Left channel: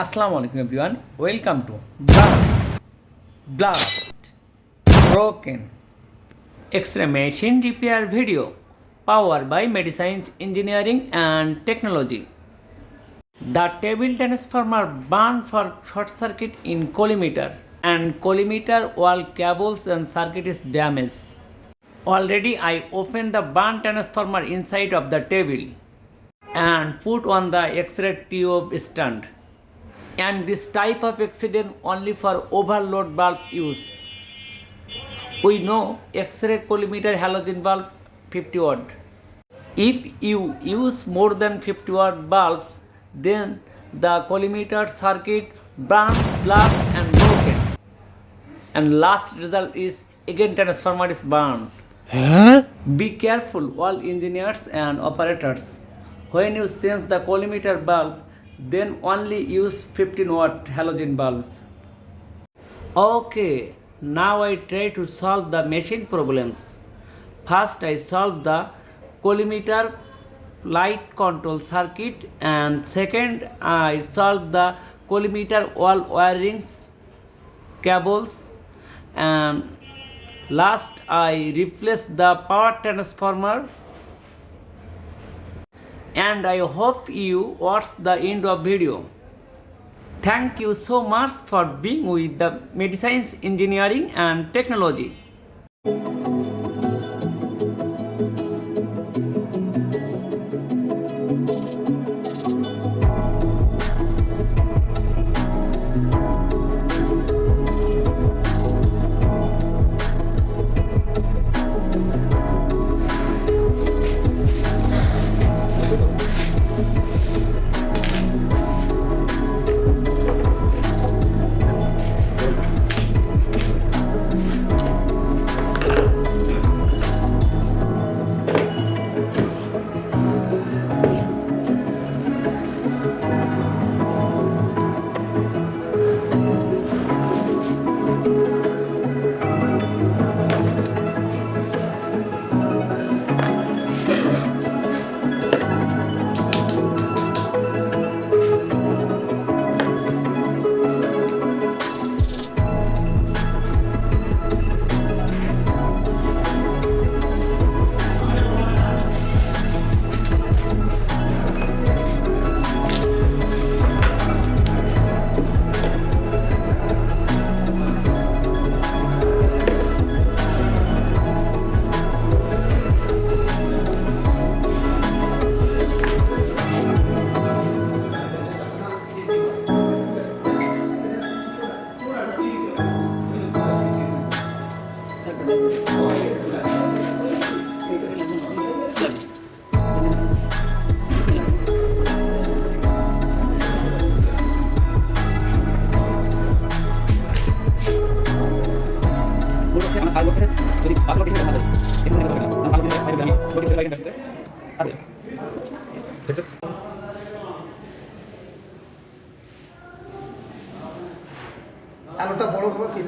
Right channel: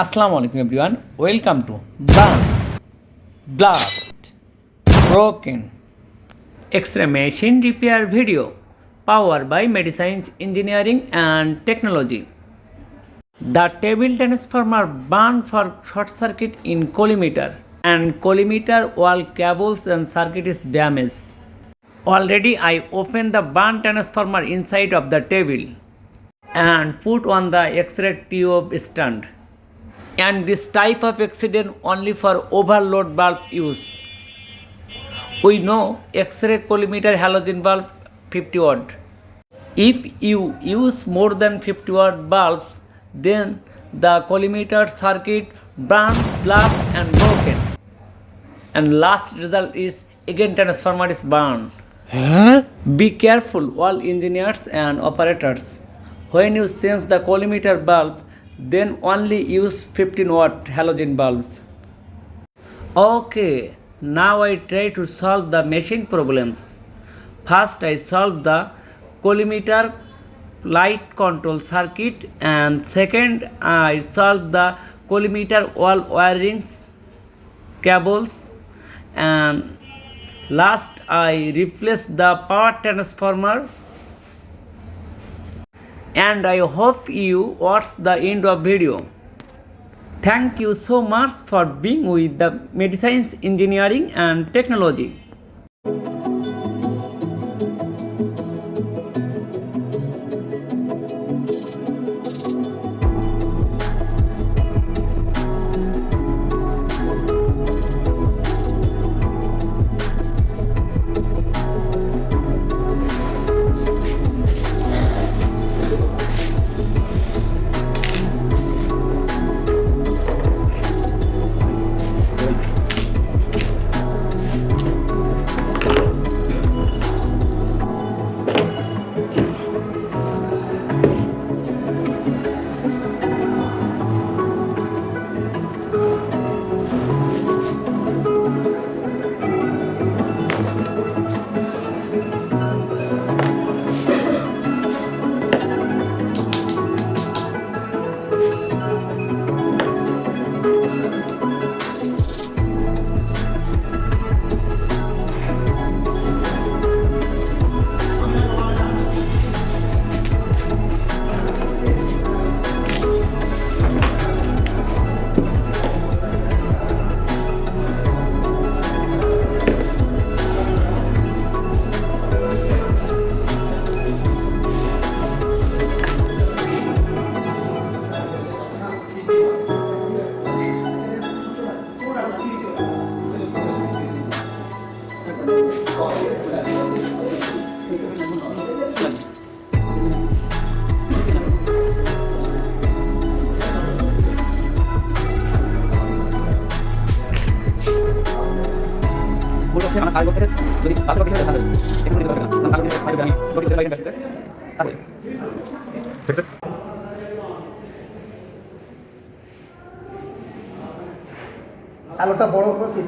Assalamu alaikum everyone. Welcome to Burn, Blast, Broken X-ray machine repair video powered by Medi-Science engineering and technology. The table transformer burned for short circuit in collimator and collimator wall cables and circuit is damaged. Already I opened the burn transformer inside of the table and put on the X-ray tube stand. And this type of accident only for overload bulb use. We know X-ray collimator halogen bulb 50 watt. If you use more than 50 watt bulbs, then the collimator circuit burn, blast and broken. And last result is again transformer is burned. Be careful all engineers and operators. When you change the collimator bulb, then only use 15 watt halogen bulb. Okay, now I try to solve the machine problems. First I solve the collimator light control circuit and second I solve the collimator wall wirings cables and last I replace the power transformer. And I hope you watch the end of video. Thank you so much for being with the Medi-Science engineering and technology. আলোটা বড় হবে কি